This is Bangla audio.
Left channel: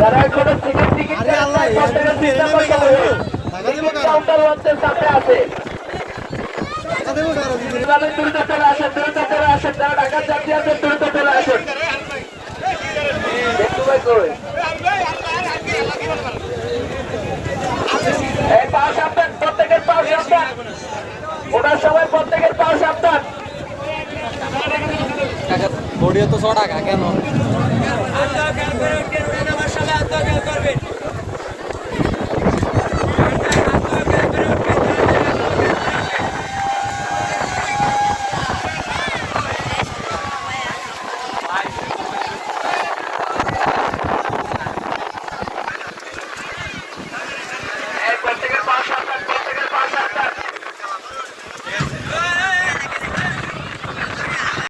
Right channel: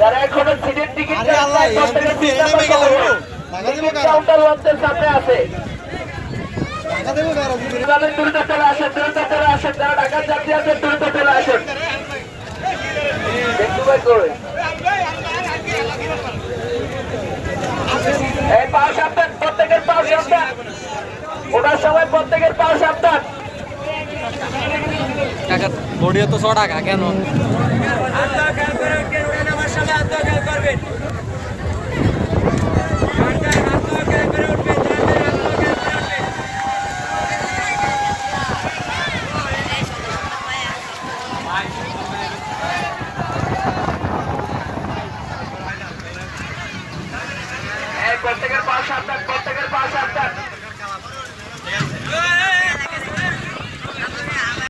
যারা এখনো সিটের টিকিট কাউন্টার ওয়ার্ডের সামনে আছে দ্রুত চলে আসেন, দ্রুত চলে আসেন, যারা ঢাকার যাত্রী আছেন দ্রুত চলে আসেন। এই পাও সাবধান, প্রত্যেকের পাও সাবধান, ওটার সময় প্রত্যেকের পাও সাবধান। বড়িয়া তো 100 টাকা কেন?